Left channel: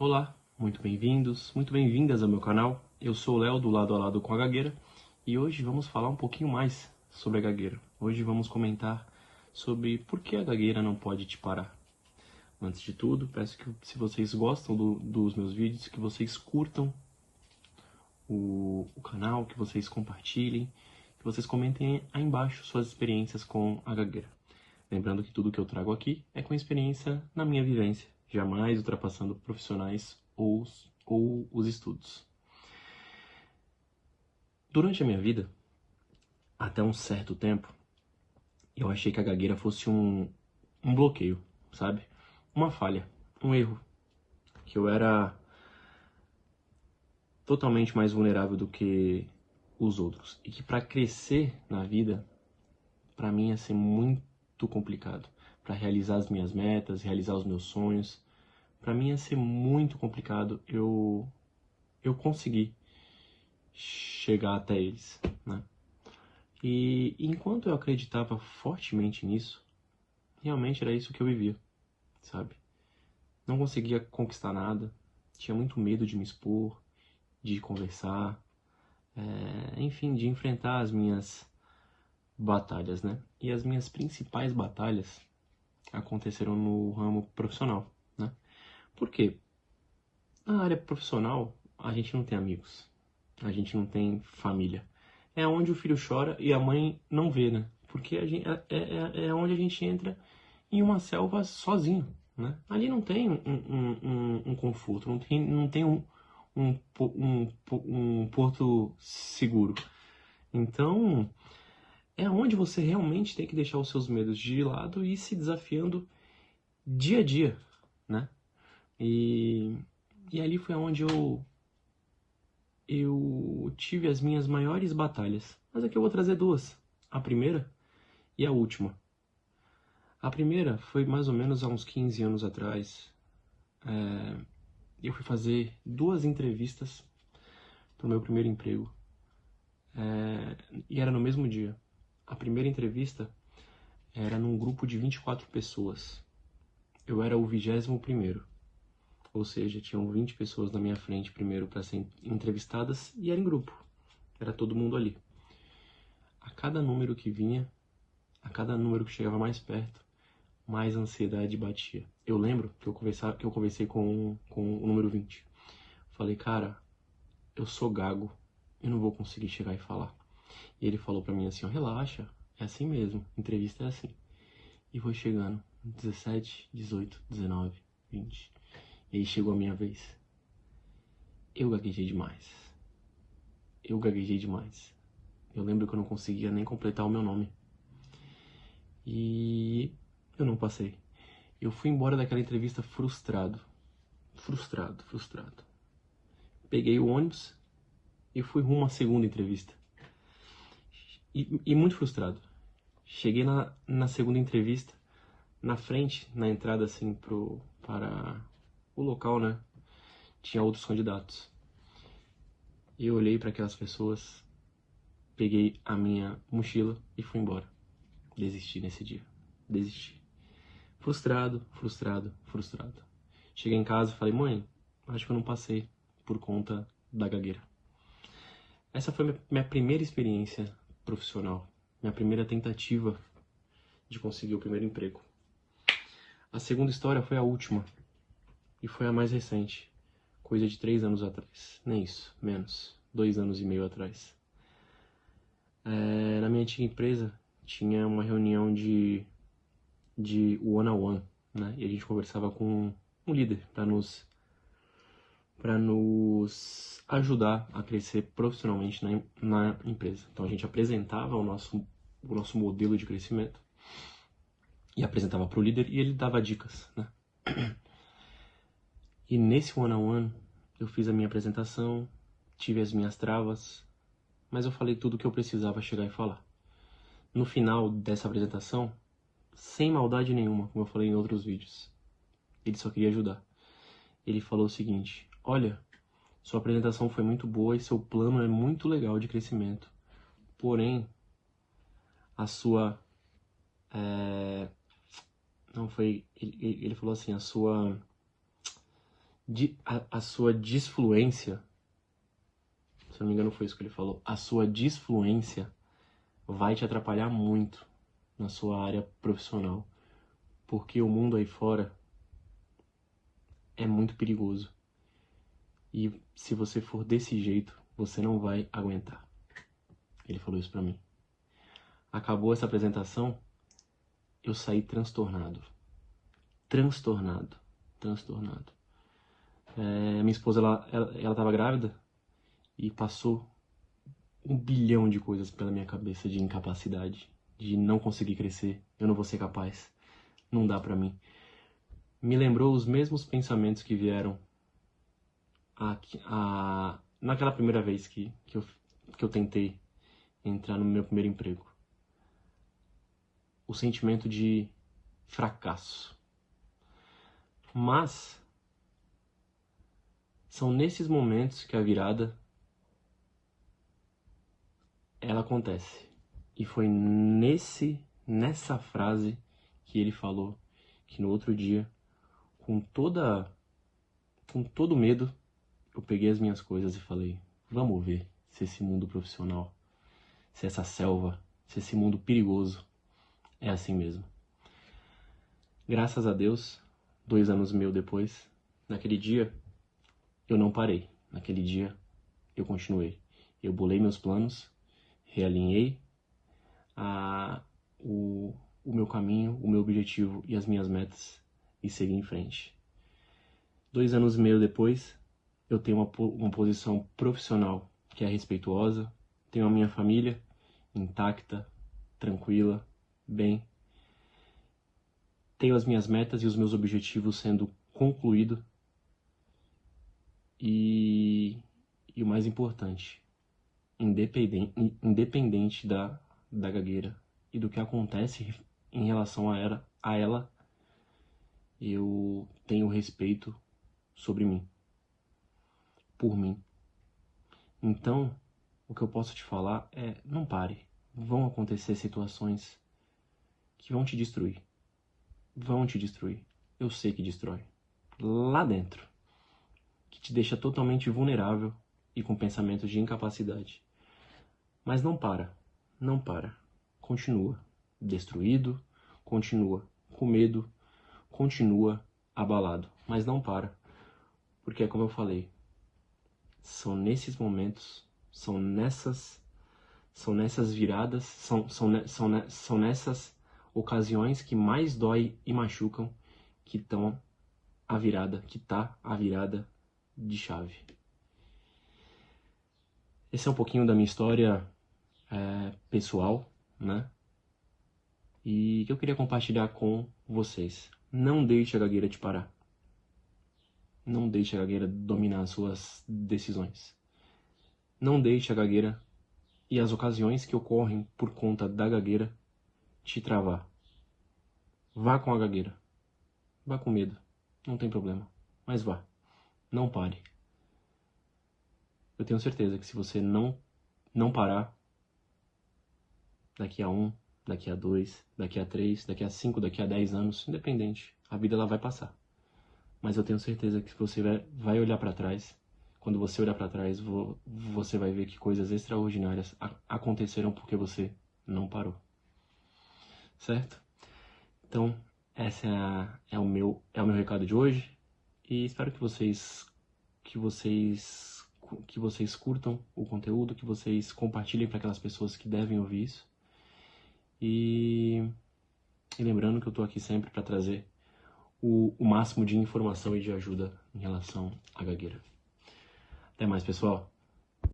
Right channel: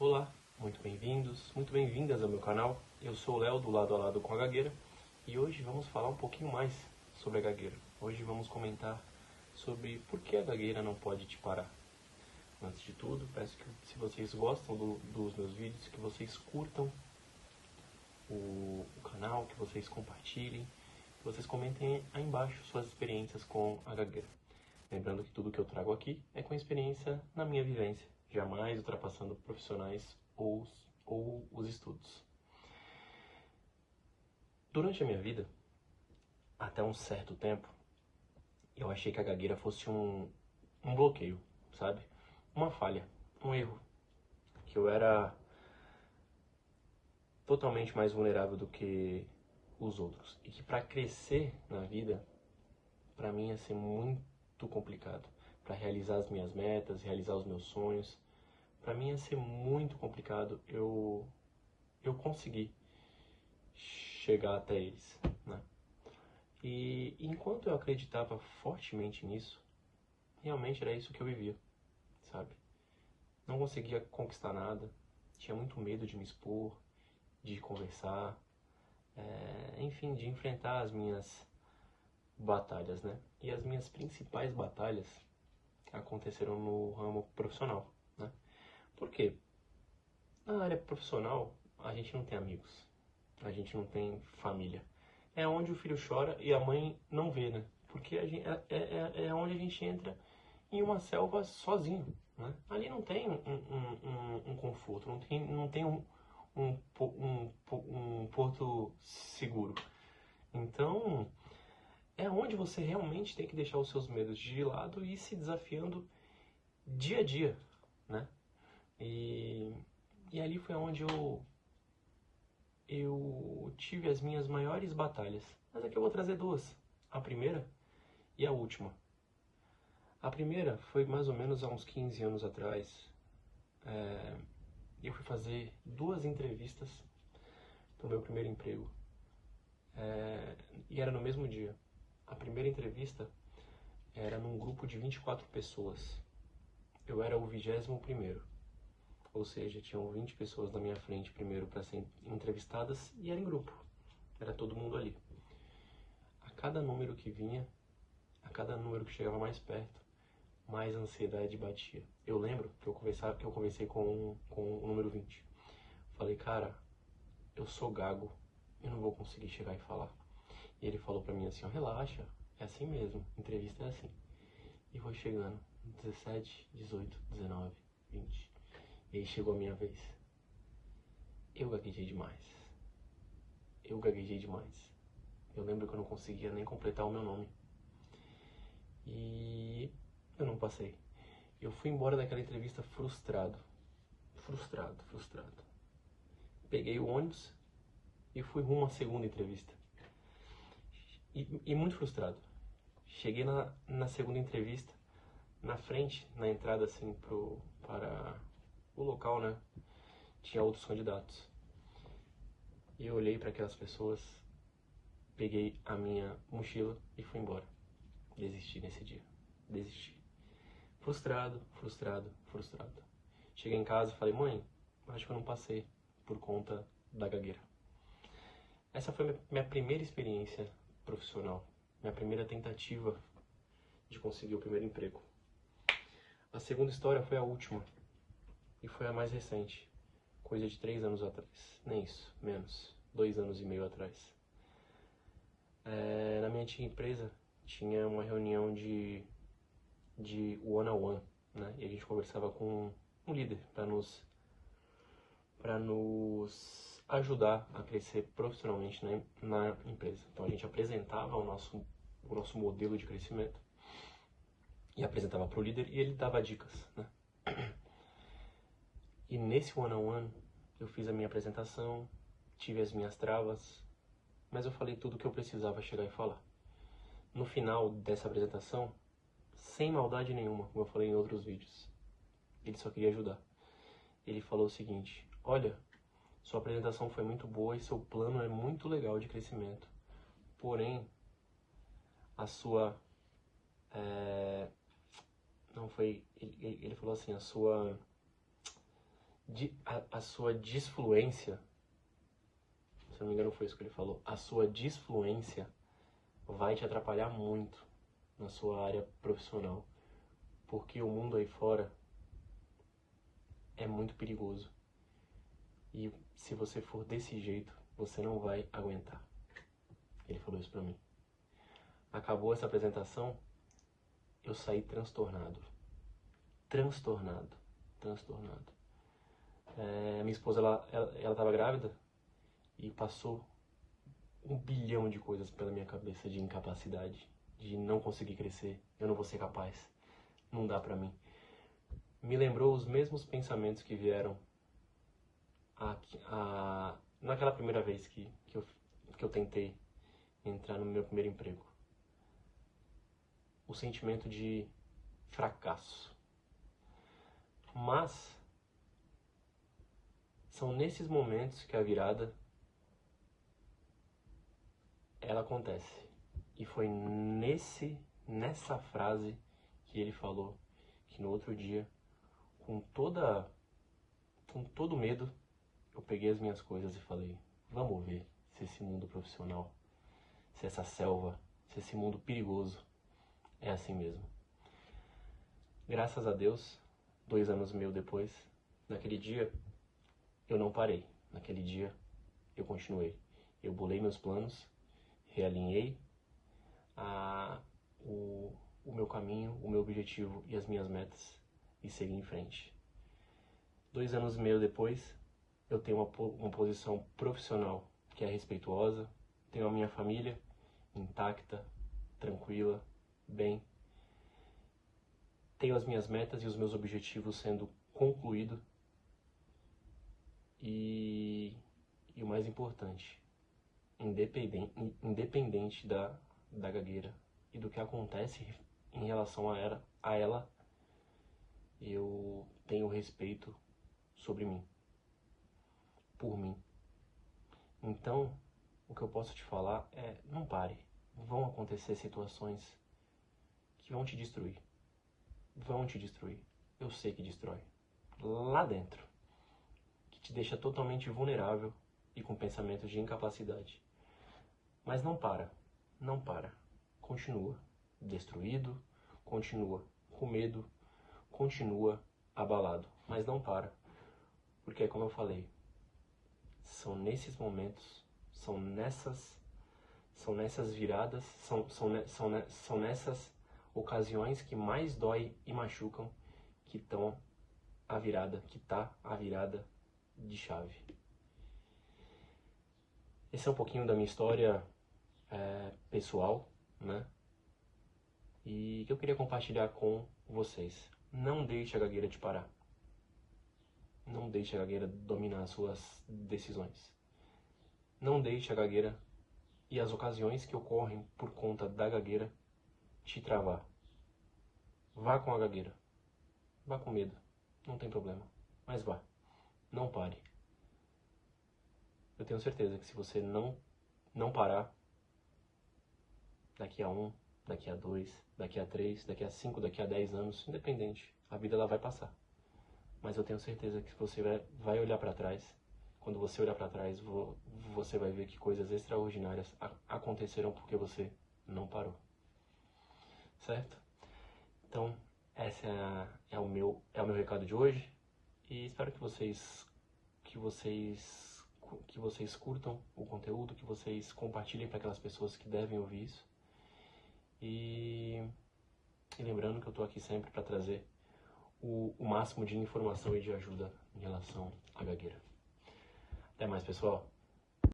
Olá, muito bem-vindos, muito bem-vindas ao meu canal. Eu sou o Léo, do Lado a Lado com a Gagueira, e hoje vamos falar um pouquinho mais sobre a gagueira. Hoje vamos comentar sobre por que a gagueira não pode te parar. Antes de tudo, peço que, se vocês gostam dos meus vídeos, que vocês curtam o canal, que vocês compartilhem, que vocês comentem aí embaixo suas experiências com a gagueira. Lembrando que tudo que eu trago aqui é com experiência na minha vivência, jamais ultrapassando profissionais ou os estudos. Durante a minha vida, até um certo tempo, eu achei que a gagueira fosse um bloqueio, sabe? Uma falha, um erro, que eu era totalmente mais vulnerável do que os outros. E que para crescer na vida, para mim ia ser muito complicado. Para realizar as minhas metas, realizar os meus sonhos, para mim ia ser muito complicado eu conseguir chegar até eles, né? E enquanto eu acreditava fortemente nisso, realmente era isso que eu vivia, sabe? Não conseguia conquistar nada, tinha muito medo de me expor, de conversar, enfim, de enfrentar as minhas batalhas, né? E as minhas principais batalhas aconteceram no ramo profissional, né? Por quê? Na área profissional, a gente não tem amigos, a gente não tem família. É onde o filho chora e a mãe não vê, né? Porque é onde a gente entra em uma selva sozinho, né? Ali não tem um conforto, não tem um porto seguro. Então, é onde você realmente tem que deixar os seus medos de lado e ir se desafiando dia a dia, né? E ali foi onde eu tive as minhas maiores batalhas. Mas aqui eu vou trazer duas. A primeira e a última. A primeira foi mais ou menos há uns 15 anos atrás. Eu fui fazer 2 entrevistas para o meu primeiro emprego. E era no mesmo dia. A primeira entrevista era num grupo de 24 pessoas. Eu era o 21º. Ou seja, tinham 20 pessoas na minha frente primeiro para serem entrevistadas e era em grupo. Era todo mundo ali. A cada número que vinha, a cada número que chegava mais perto, mais ansiedade batia. Eu lembro que eu conversei com o número 20. Falei, cara, eu sou gago, eu não vou conseguir chegar e falar. E ele falou pra mim assim, ó, relaxa, é assim mesmo, entrevista é assim. E foi chegando, 17, 18, 19, 20. E aí chegou a minha vez. Eu gaguejei demais. Eu lembro que eu não conseguia nem completar o meu nome. E eu não passei. Eu fui embora daquela entrevista frustrado. Frustrado. Peguei o ônibus e fui rumo à segunda entrevista. E muito frustrado. Cheguei na segunda entrevista, na frente, na entrada assim para o local, né? Tinha outros candidatos. Eu olhei para aquelas pessoas, peguei a minha mochila e fui embora. Desisti nesse dia. Desisti. Frustrado. Cheguei em casa e falei, mãe, acho que eu não passei por conta da gagueira. Essa foi minha primeira experiência profissional. Minha primeira tentativa de conseguir o primeiro emprego. A segunda história foi a última. E foi a mais recente. Coisa de 3 anos atrás. Nem isso, menos. 2 anos e meio atrás. Na minha antiga empresa, tinha uma reunião de one-on-one, né? E a gente conversava com um líder para nos ajudar a crescer profissionalmente na empresa. Então a gente apresentava o nosso modelo de crescimento e apresentava para o líder e ele dava dicas, né? E nesse one-on-one eu fiz a minha apresentação, tive as minhas travas, mas eu falei tudo o que eu precisava chegar e falar. No final dessa apresentação, sem maldade nenhuma, como eu falei em outros vídeos, ele só queria ajudar. Ele falou o seguinte, olha, sua apresentação foi muito boa e seu plano é muito legal de crescimento, porém, a sua... Não foi... Ele falou assim, a sua a sua disfluência, se não me engano foi isso que ele falou, a sua disfluência vai te atrapalhar muito na sua área profissional, porque o mundo aí fora é muito perigoso. E se você for desse jeito, você não vai aguentar. Ele falou isso pra mim. Acabou essa apresentação, eu saí transtornado. Transtornado. Minha esposa, ela tava grávida e passou 1 bilhão de coisas pela minha cabeça de incapacidade, de não conseguir crescer, eu não vou ser capaz, não dá pra mim. Me lembrou os mesmos pensamentos que vieram naquela primeira vez que eu tentei entrar no meu primeiro emprego. O sentimento de fracasso. Mas são nesses momentos que a virada ela acontece. E foi nessa frase que ele falou que no outro dia, com todo medo, eu peguei as minhas coisas e falei: vamos ver se esse mundo profissional, se essa selva, se esse mundo perigoso é assim mesmo. Graças a Deus, 2 anos depois, naquele dia, eu não parei. Naquele dia, eu continuei. Eu bolei meus planos, realinhei o meu caminho, o meu objetivo e as minhas metas e segui em frente. 2 anos depois, eu tenho uma posição profissional que é respeituosa, tenho a minha família intacta, tranquila, bem. Tenho as minhas metas e os meus objetivos sendo concluídos. E o mais importante, independente da gagueira e do que acontece em relação a ela, eu tenho respeito sobre mim, por mim. Então, o que eu posso te falar é: não pare. Vão acontecer situações que vão te destruir. Eu sei que destrói. Lá dentro. Que te deixa totalmente vulnerável e com pensamentos de incapacidade. Mas não para. Continua destruído, continua com medo, continua abalado. Mas não para. Porque é como eu falei, são nesses momentos, são nessas viradas, são nessas ocasiões que mais dói e machucam que tá a virada de chave. Esse é um pouquinho da minha história pessoal, né? E que eu queria compartilhar com vocês. Não deixe a gagueira te parar. Não deixe a gagueira dominar as suas decisões. Não deixe a gagueira e as ocasiões que ocorrem por conta da gagueira te travar. Vá com a gagueira. Vá com medo. Não tem problema. Mas vá. Não pare. Eu tenho certeza que se você não parar, daqui a 1, daqui a 2, daqui a 3, daqui a 5, daqui a 10 anos, independente, a vida ela vai passar. Mas eu tenho certeza que se você vai olhar para trás, quando você olhar para trás, você vai ver que coisas extraordinárias aconteceram porque você não parou. Certo? Então, esse é o meu recado de hoje. E espero que vocês curtam o conteúdo, que vocês compartilhem para aquelas pessoas que devem ouvir isso. E lembrando que eu estou aqui sempre para trazer o máximo de informação e de ajuda em relação à gagueira. Até mais, pessoal!